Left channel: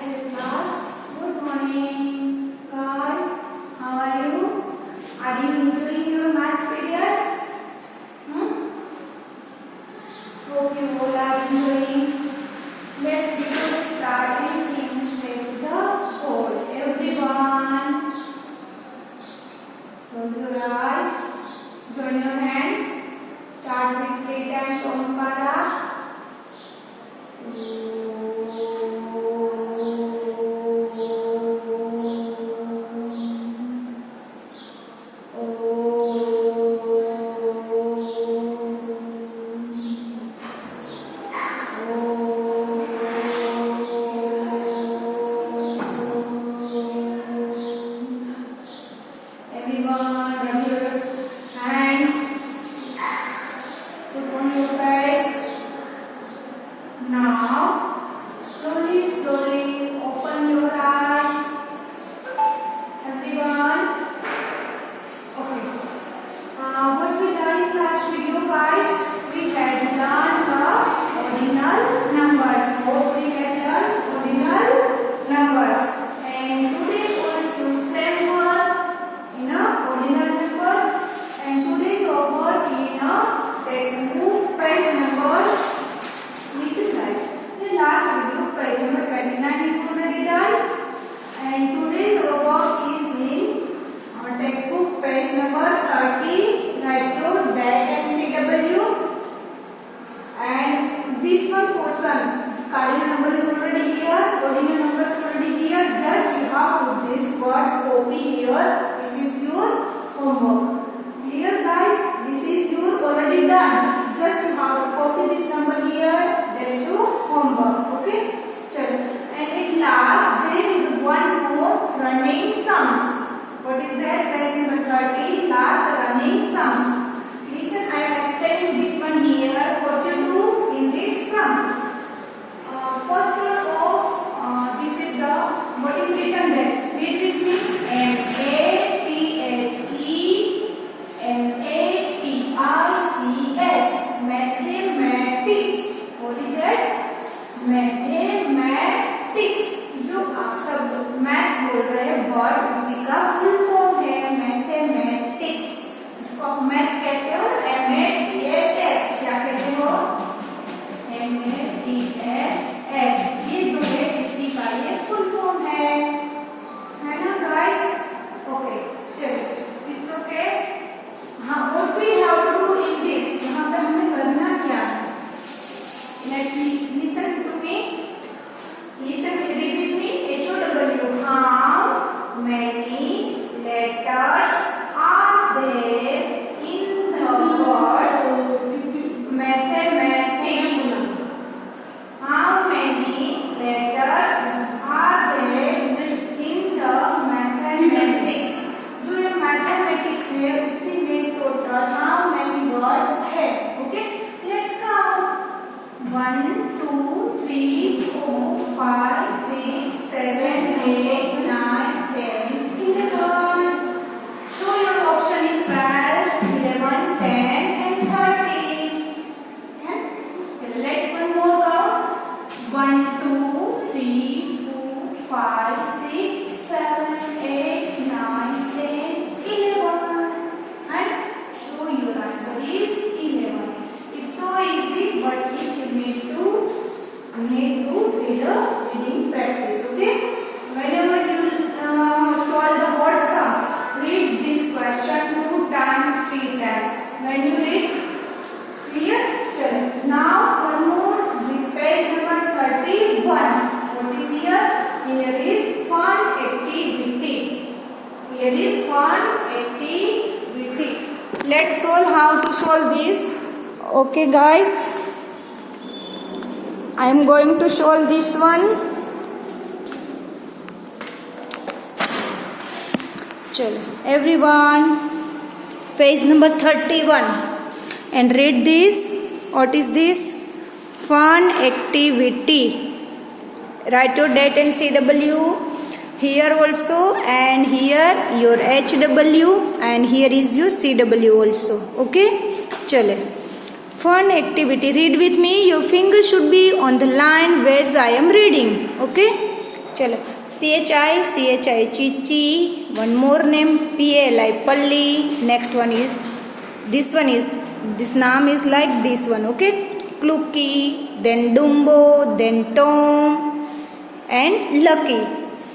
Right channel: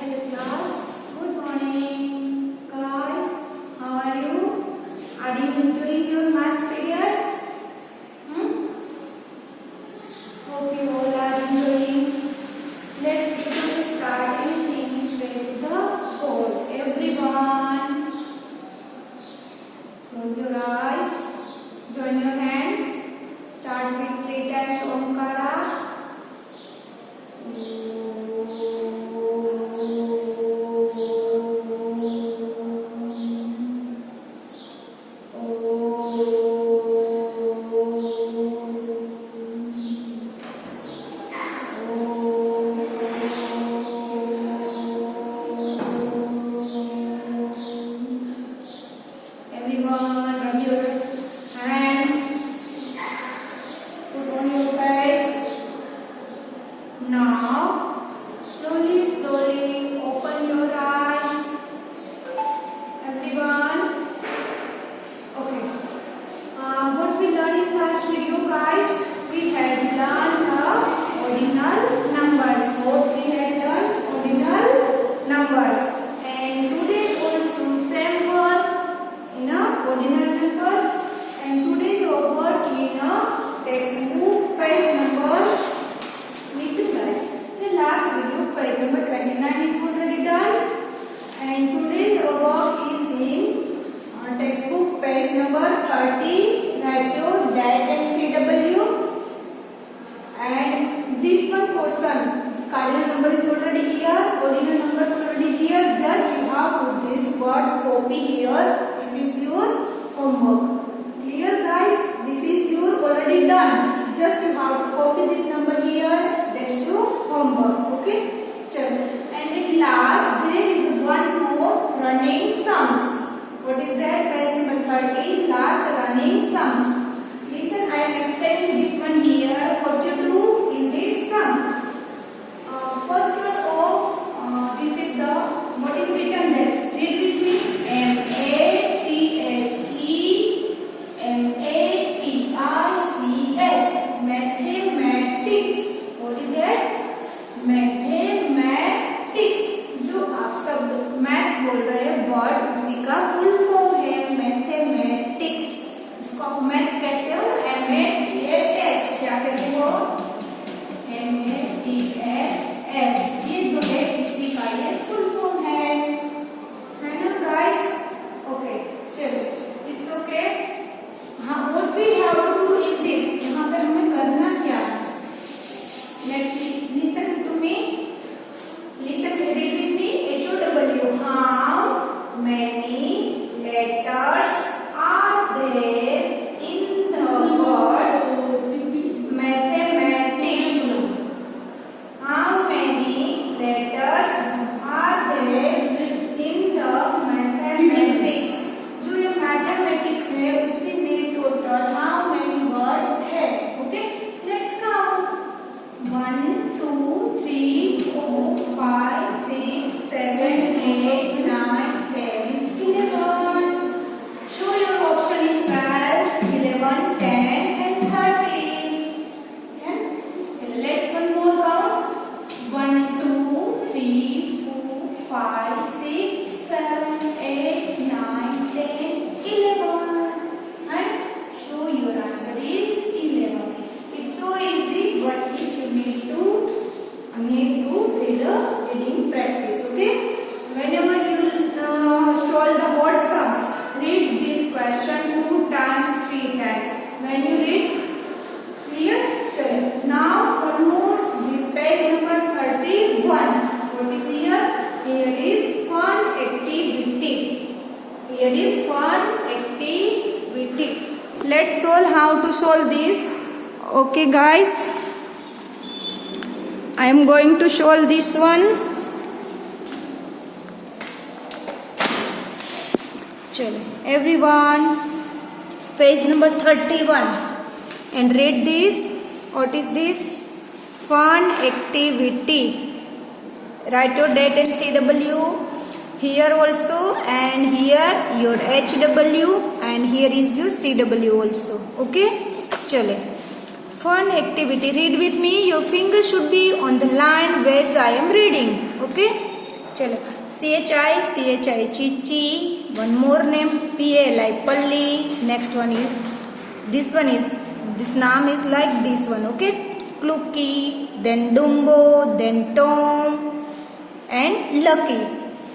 Hello class, good morning guys, how are you? Are you enjoying your maths period? Hope you all are enjoying. Let's begin to starting things with the code. Everyone, close your eyes, join your hands, start with 3 times Omkara. Everyone, rub your hands. Put on your face. Now, slowly open your eyes. Everyone. Okay. What we learned in last video, guys? We had learned the ordinal numbers. What we had learned ordinal numbers. And today also same work in a ordinal number. And today's homework in a textbook page number. Listen guys, the last video page number 29 is already done. And today's homework is in textbook page number 30. Write your date and CW. And this one question, this cardinal number is already here, ordinal number is already here. Just you have to put these words copy here. This is your homework. Clear guys? This is your already done. Just you have to copy this number here. That's your homework. Okay? Chalo. And at last there is one more running sums. What is that? Page number 30. Last running sums. Listen, I am explaining this one here. What to do in this sum? First of all, this is the what is written there. Read with me. MATHEMATICS. Mathematics. What is that? Mathematics. जो आप सब maths बोल रहे हैं word उसी का full form है mathematics. इसको आप मैथ्स कहते हो. MATHS क्या कहते हो? MATHS. ये जो है इसी का ये फुल फॉर्म है ना गाइस? ओके चलो, इट्स ओके. हाँ, what we have to do in this? यहाँ पे हमें करना क्या है? Let's listen to me. Listen, read with me. HOW. How many letters are there in the word mathematics? How many letters are there in the mathematics? जो ये mathematics है उसकी में total how many words है? Okay, let's count. 1, 2, 3, 4, 5, 6, 7, 8, 9, 10, 11. Show your option is 12, 11, 10 and 13. Yeah? So let's one more count. 1, 2, 3, 4, 5, 6, 7, 8, 9, 10, 11. And show your answer is 11. It's so easy, but if you need to do the reading practice. Okay, whenever you solve the word sums, read this question 2 times, 3 times. When you read, clear? Chalo. Now one more. This page number 31. What is here? Here is fun activity. Here is fun activity. Let's solve how to solve this. Okay guys, I am going to solve this one. Chalo. Everyone, page number 31 and read this. What is this? Fun activity. Write your date and CW here also, and here your HW, and here is your CW also. Okay, chale. Fun activity. Read with me. Your finger should be on the line where I am reading. Okay. चलो CHI Chichi. One more name PLI Palli. Next one is this name is like this one. Okay, Clucky, then Dumbo, then Tom and Lucky.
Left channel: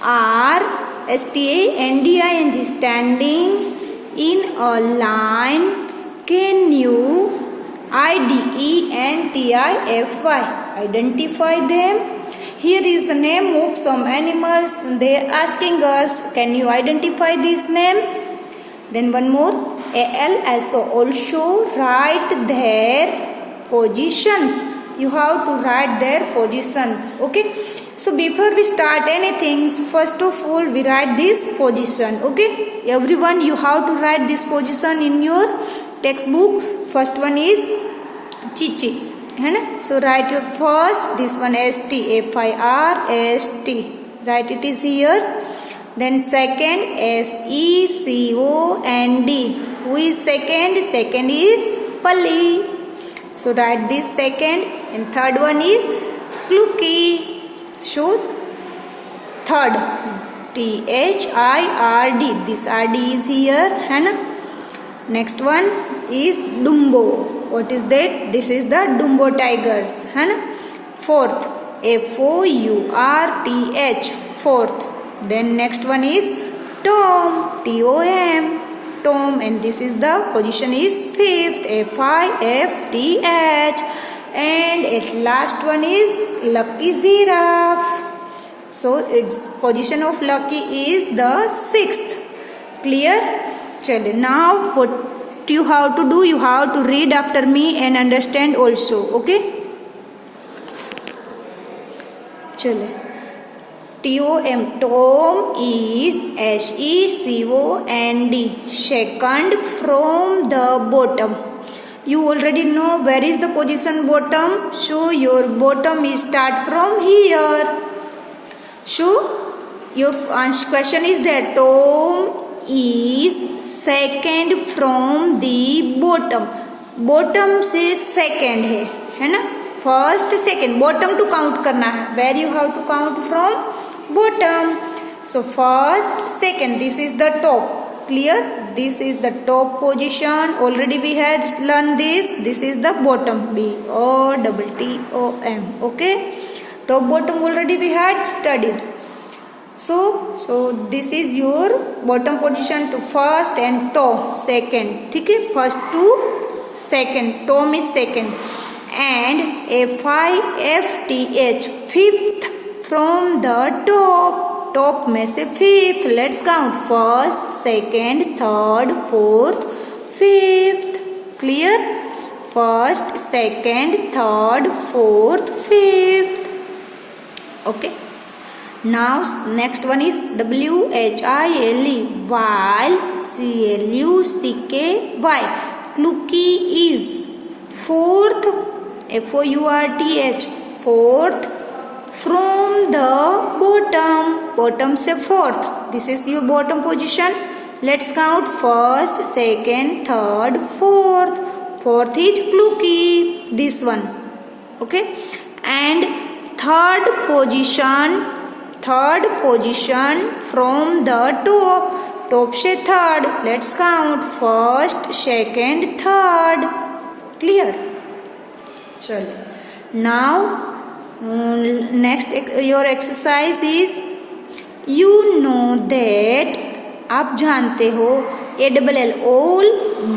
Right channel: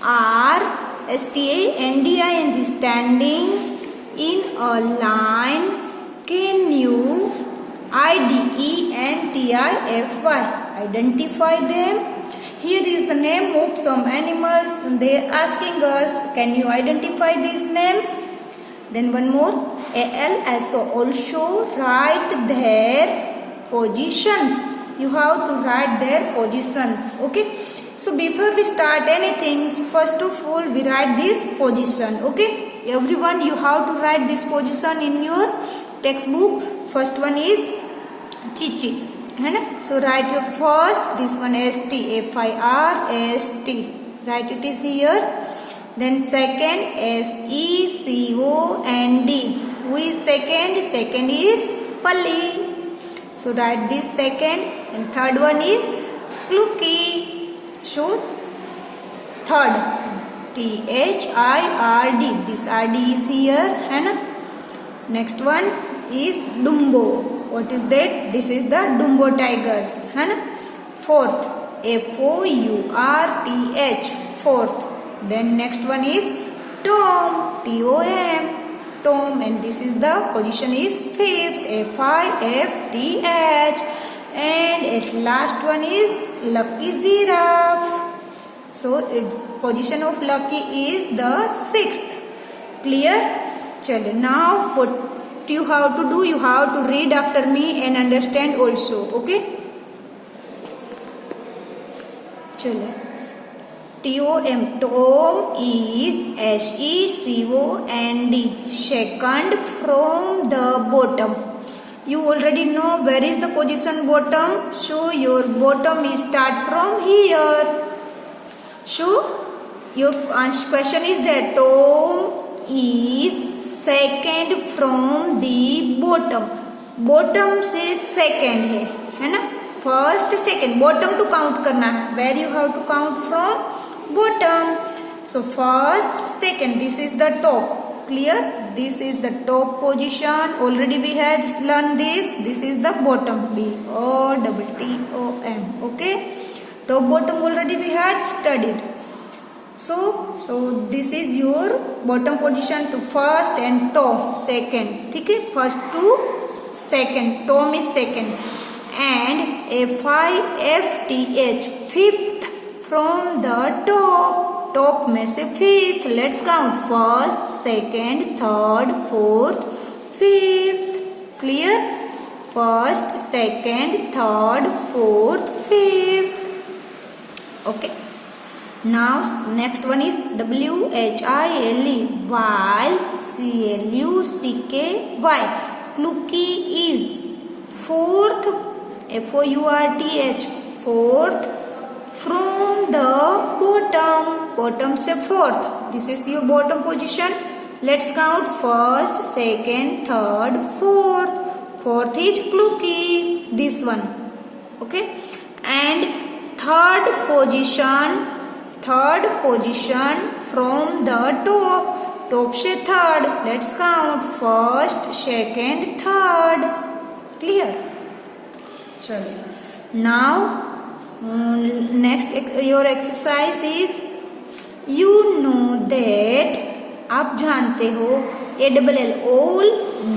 RSTANDING, standing in a line. Can you IDENTIFY, identify them? Here is the name of some animals. They are asking us, can you identify this name? Then one more, ALSO, also write their positions. You have to write their positions. Okay, so before we start anything, first of all we write this position. Okay, everyone, you have to write this position in your textbook. First one is Chichi, है ना? So write your first, this one ST, FIRST, write it is here. Then second SECOND, who is second? Second is Palli. So write this second. And third one is Clucky. So third, THIRD, this RD is here, है ना? Next one is Dumbo. What is that? This is the Dumbo tigers, है ना? Fourth, FOURTH, fourth. Then next one is Tom, TOM, Tom, and this is the position is fifth, FIFTH, and at last one is Lucky Giraffe. So its position of Lucky is the sixth. Clear? Chalo, now what you have to do, you have to read after me and understand also. Okay, chalo. TOM, Tom is SECOND, second from the bottom. You already know where is the position bottom, so your bottom is start from here. So your question is that Tom is second from the bottom. Bottom से second है ना? First, second, bottom to count करना है. Where you have to count from? Bottom. So first, second, this is the top. Clear? This is the top position. Already we had learned this. This is the bottom. BOTTOM. Okay? Top, bottom already we had studied. So this is your bottom position to first and top second. ठीक है? First to second. Tom is second. And FIFTH, fifth from the top. Top में से fifth. Let's count. First, second, third, fourth, fifth. Clear? First, second, third, fourth, fifth. Okay. Now next one is WHILE, Clucky is fourth, FOURTH, fourth from the bottom. Bottom से fourth. This is your bottom position. Let's count first, second, third, fourth. Fourth is Clucky, this one. Okay, and third position from the top. Top से third. Let's count first, second, third. Clear? चलो. Now next your exercise is, you know that, आप जानते हो, ALL, all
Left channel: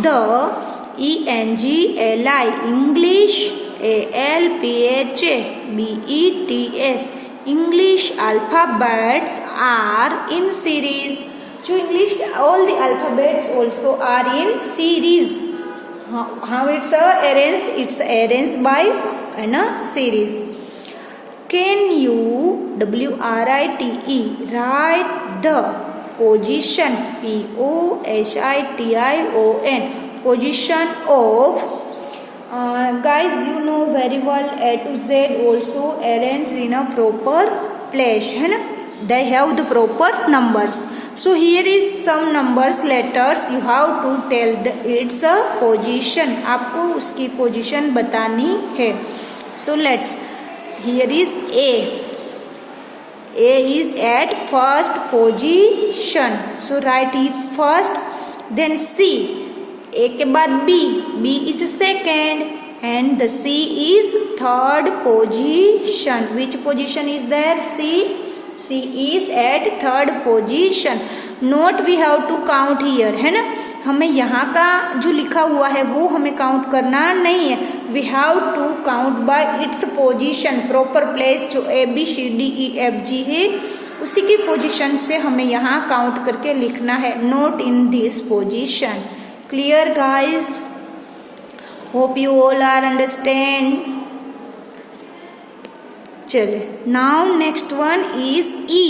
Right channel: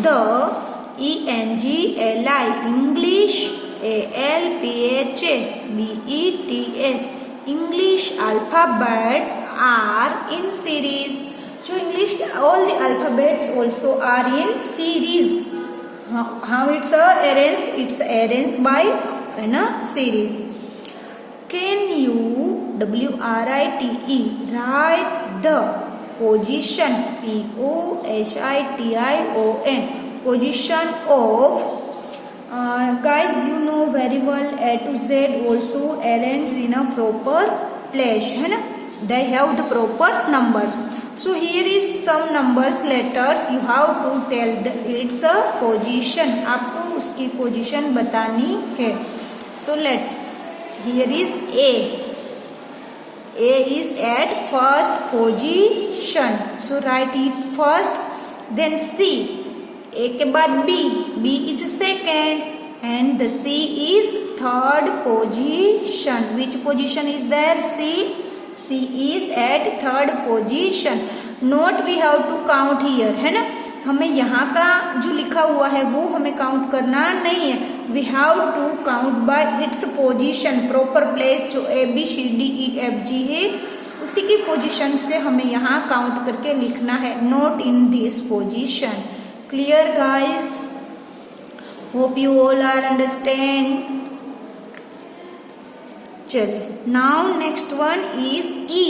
the, ENGLI, English, ALPHA, BETS, English alphabets are in series. So English, all the alphabets also are in series. How it's arranged? It's arranged by in a series. Can you, WRITE, write the position, POSITION, position of, guys, you know very well, A to Z also arranged in a proper place, है ना? They have the proper numbers. So here is some numbers, letters. You have to tell it's a position. आपको उसकी position बतानी है. So let's. Here is A. A is at first position. So write it first. Then C. A के बाद B. B is second. And the C is third position. Which position is there? C. C is at third position. Note we have to count here, है ना. हमें यहाँ का जो लिखा हुआ है वो हमें काउंट करना नहीं है. We have to count by its position. Proper place जो ABCDEFG है उसी की पोजीशन से हमें यहाँ काउंट करके लिखना है. Note in this position. Clear guys? Hope you all are understand. चलिए, now next one is E.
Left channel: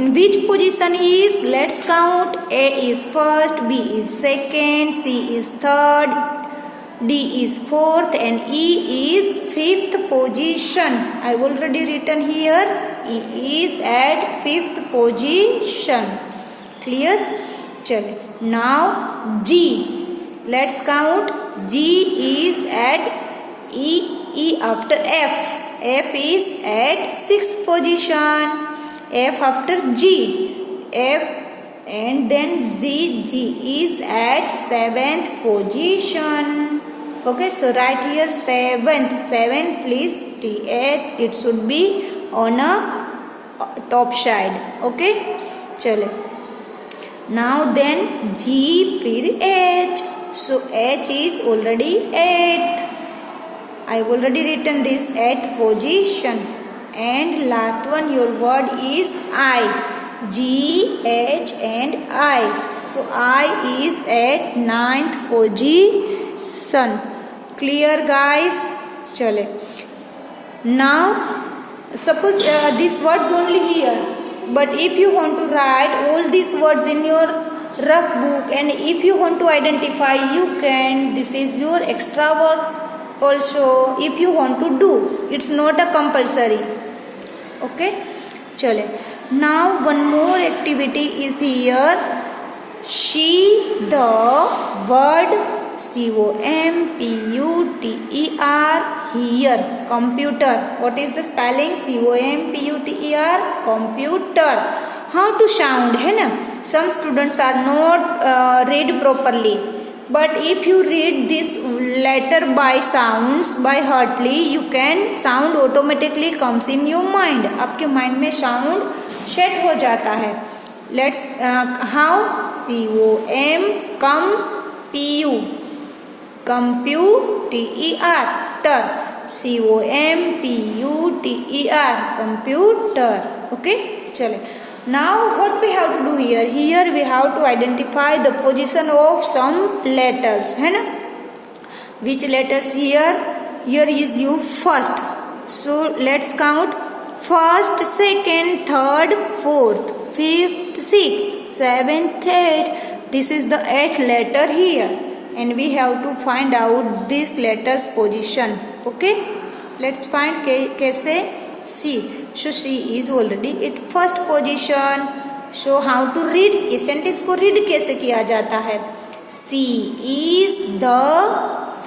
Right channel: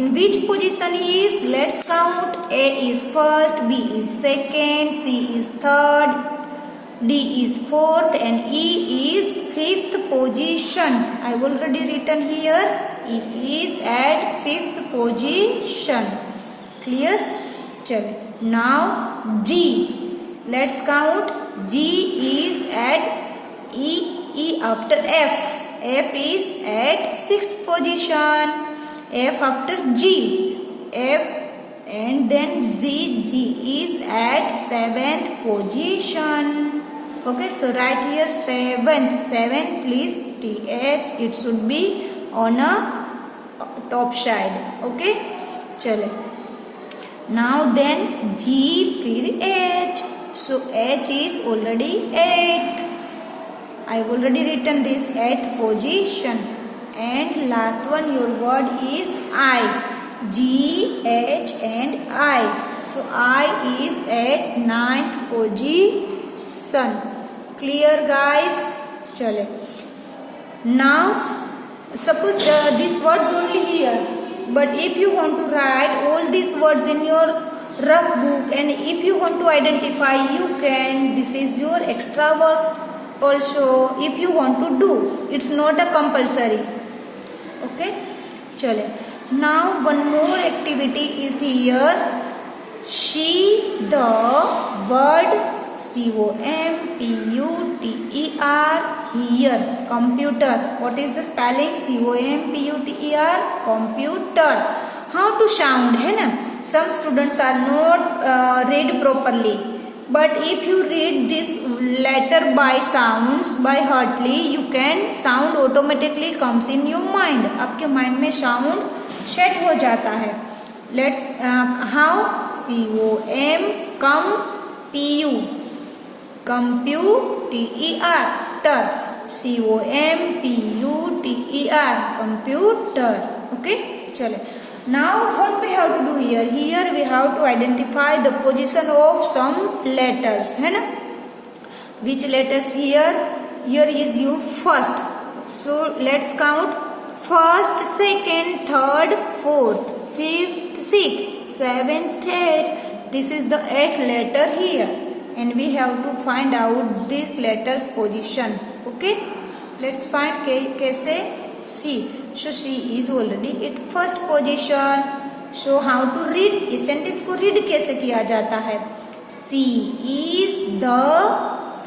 In which position he is? Let's count. A is first, B is second, C is third, D is fourth, and E is fifth position. I've already written here. E is at fifth position. Clear? चलो. Now G. Let's count. G is at E after F. F is at sixth position. F after G, F and then Z. G is at seventh position. Okay, so write here seventh. 7 please TH. It should be on a top side. Okay, चलो. Now then G फिर H. So H is already 8. I've already written this at position. And last one, your word is I. G, H and I. So I is at ninth position. Clear guys? चले. Now suppose these words only here. But if you want to write all these words in your rough book and if you want to identify, you can. This is your extra work also if you want to do. It's not a compulsory. Okay, चले. Now one more activity is here. She, the word COMPUTER here. Computer. What is the spelling? COMPUTER. Computer. How to sound, है ना? Some students are not read properly. But if you read this letter by sounds, by heartly, you can sound automatically comes in your mind. आपके mind में sound set हो जाता है. Let's how? COM COMPUTER COMPUTER computer. Okay, चलो. Now what we have to do here? Here we have to identify the position of some letters, है ना? Which letters here? Here is your first. So let's count. First, second, third, fourth, fifth, sixth, seventh, eighth. This is the eighth letter here, and we have to find out this letter's position. Okay? Let's find कैसे? C. So C is already at first position. So how to read? इस sentence को read कैसे किया जाता है? C is the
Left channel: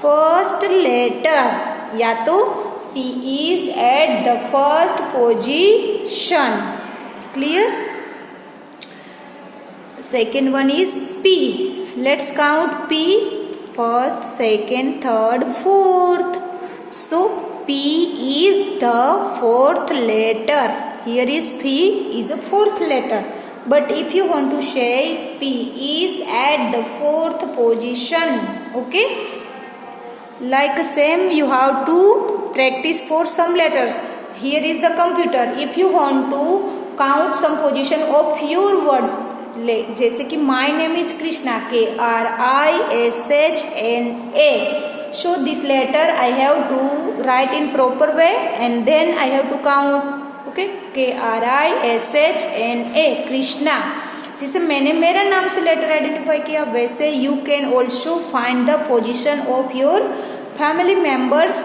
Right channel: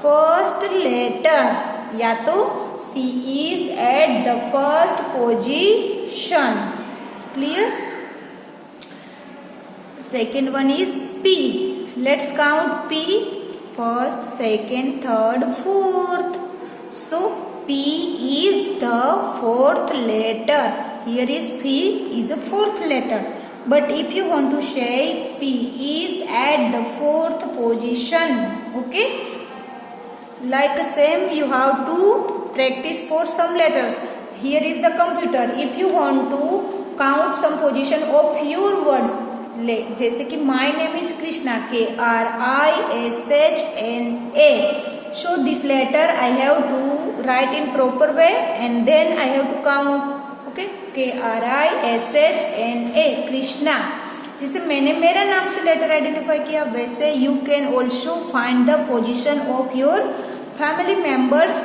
first letter. या तो C is at the first position. Clear? Second one is P. Let's count P. First, second, third, fourth. So P is the fourth letter. Here is P is a fourth letter. But if you want to say P is at the fourth position, okay? Like same you have to practice for some letters. Here is the computer. If you want to count some position of your words, जैसे कि my name is Krishna, KRISHNA. So this letter I have to write in proper way and then I have to count. Okay, KRISHNA, Krishna. जैसे मैंने मेरा नाम से letter identify किया, वैसे you can also find the position of your family members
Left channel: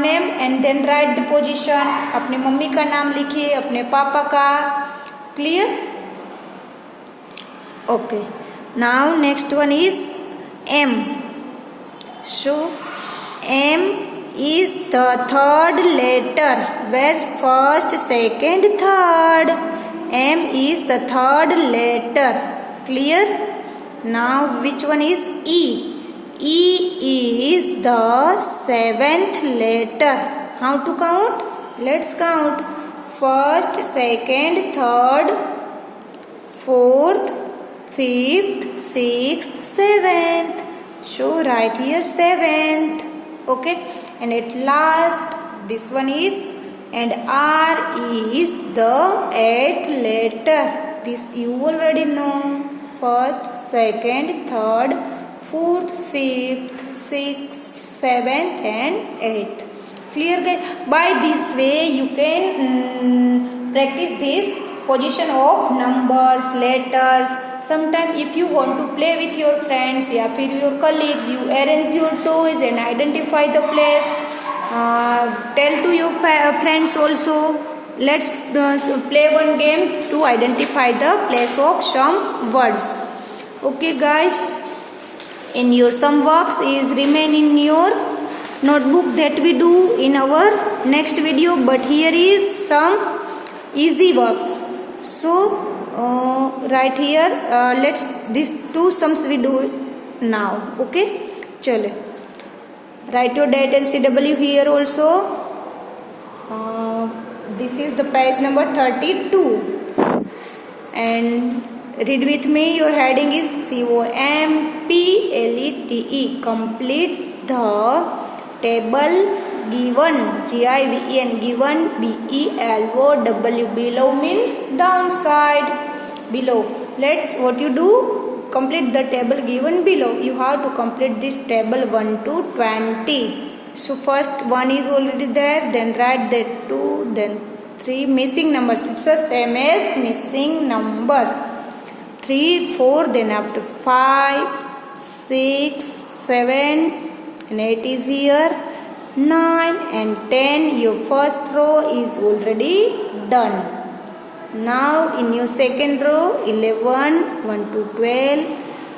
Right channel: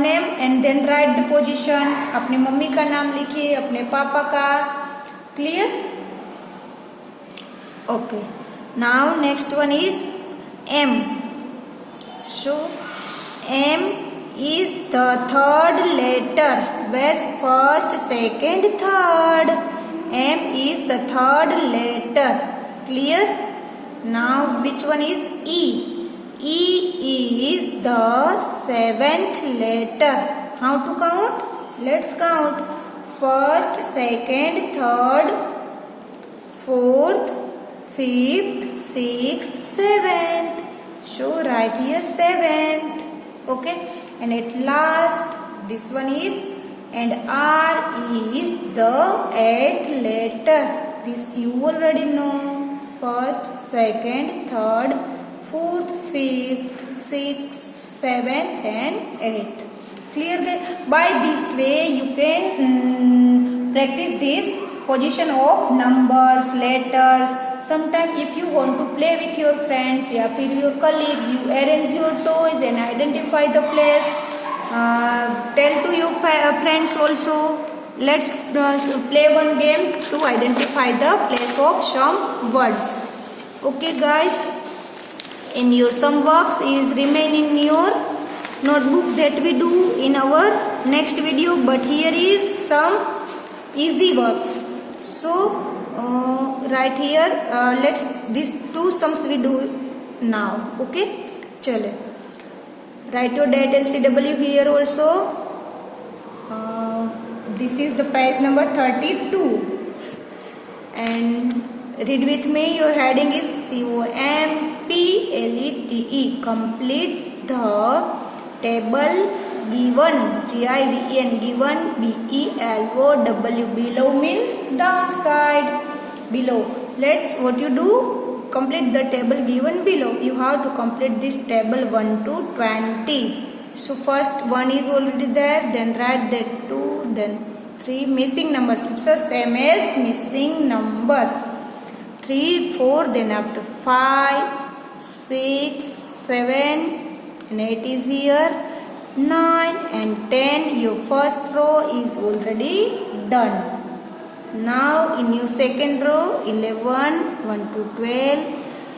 name and then write the position. अपने mummy का नाम लिखिए, अपने पापा का. Clear? Okay. Now next one is M. So M is the third letter. Where's first, second, third? M is the third letter. Clear? Now which one is E? E is the seventh letter. How to count? Let's count. First, second, third, fourth, fifth, sixth, seventh. So write here seventh. Okay. And at last, this one is, and R is the eighth letter. This you already know. First, second, third, fourth, fifth, sixth, seventh, and eighth. Clear? By this way, you can practice this position of numbers, letters. Sometimes, if you want to play with your friends, yeah, with your colleagues, you arrange your toys and identify the place. Tell to your friends also. Let's play one game to identify the place of some words. Okay, guys. In your some works is remain in your notebook that we do in our next video. But here is some easy work. So right here, let's these two sums we do now. Okay, chalo. Write your date and CW here also. This is the page number 32. And read with me. Your heading is COMPLETE. Complete the table given. GIVEN. Given BELOW. Below means downside. Below. Let's what you do. Complete the table given below. You have to complete this table 1 to 20. So first 1 is already there, then write that 2, then 3 missing numbers. It's the same as missing numbers. 3, 4, then after 5, 6, 7, and 8 is here. 9 and 10. Your first row is already done. Now in your second row, 11, 1 to 12,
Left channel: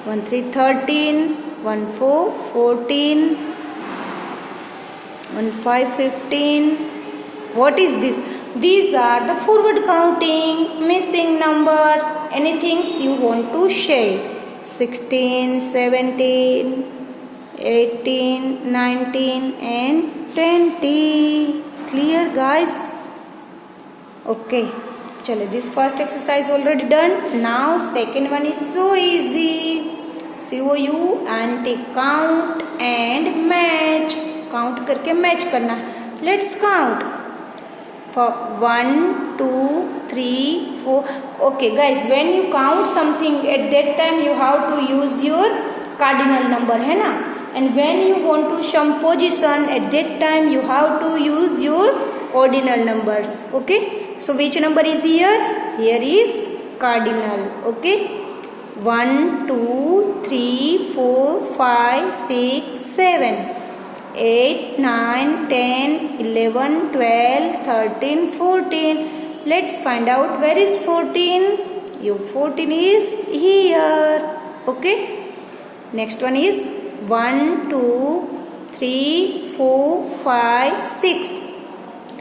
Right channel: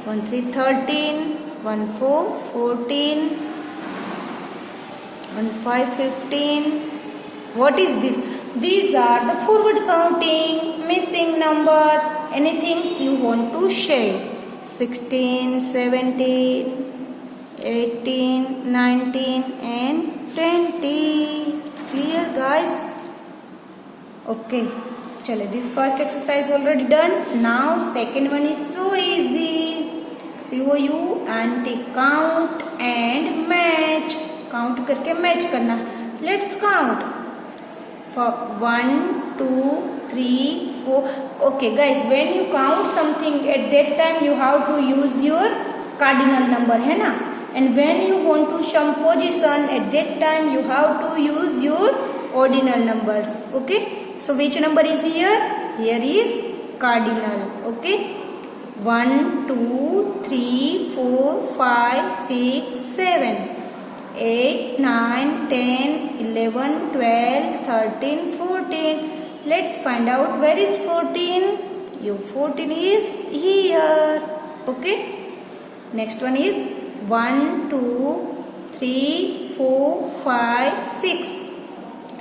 1 3 13, 1 4 14, 1 5 15. What is this? These are the forward counting, missing numbers, anything you want to share. 16, 17, 18, 19 and 20. Clear, guys? Okay. Chalo, this first exercise already done. Now second one is so easy. COUNT, count and match. Count करके match करना. Let's count. For 1, 2, 3, 4. Okay, guys. When you count something at that time, you have to use your cardinal number, है ना? And when you want to some position at that time, you have to use your ordinal numbers. Okay. So which number is here? Here is cardinal. Okay. 1, 2, 3, 4, 5, 6, 7, 8, 9, 10, 11, 12, 13, 14. Let's find out where is 14. Your 14 is here. Okay. Next one is 1, 2, 3, 4, 5, 6.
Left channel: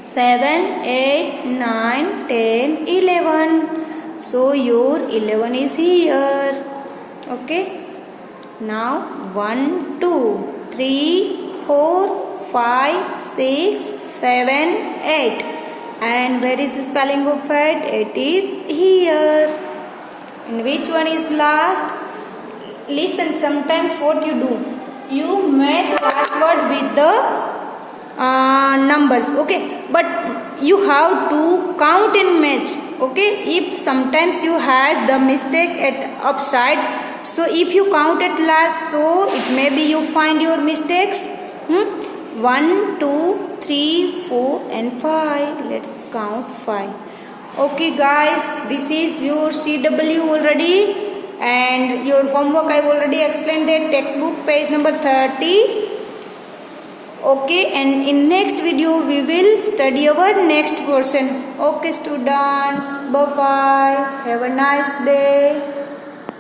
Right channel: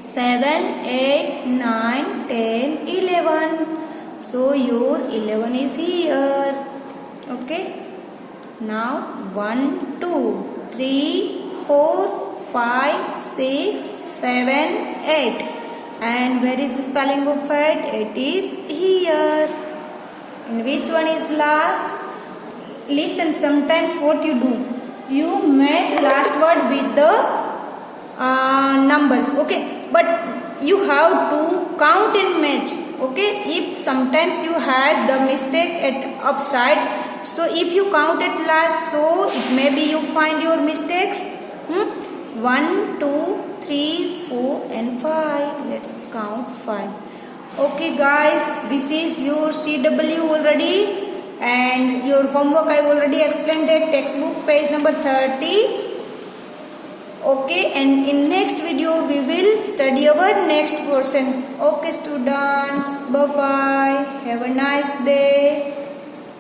7, 8, 9, 10, 11. So your 11 is here. Okay. Now 1, 2, 3, 4, 5, 6, 7, 8. And where is the spelling of 8? It is here. And which one is last? Listen, sometimes what you do? You match last word with the numbers. Okay. But you have to count and match. Okay. If sometimes you had the mistake at upside. So if you count at last, so it may be you find your mistakes. 1, 2, 3, 4 and 5. Let's count 5. Okay guys, this is your CW already, and your homework I already explained that textbook page number 30. Okay, and in next video we will study our next portion. Okay students, bye bye, have a nice day.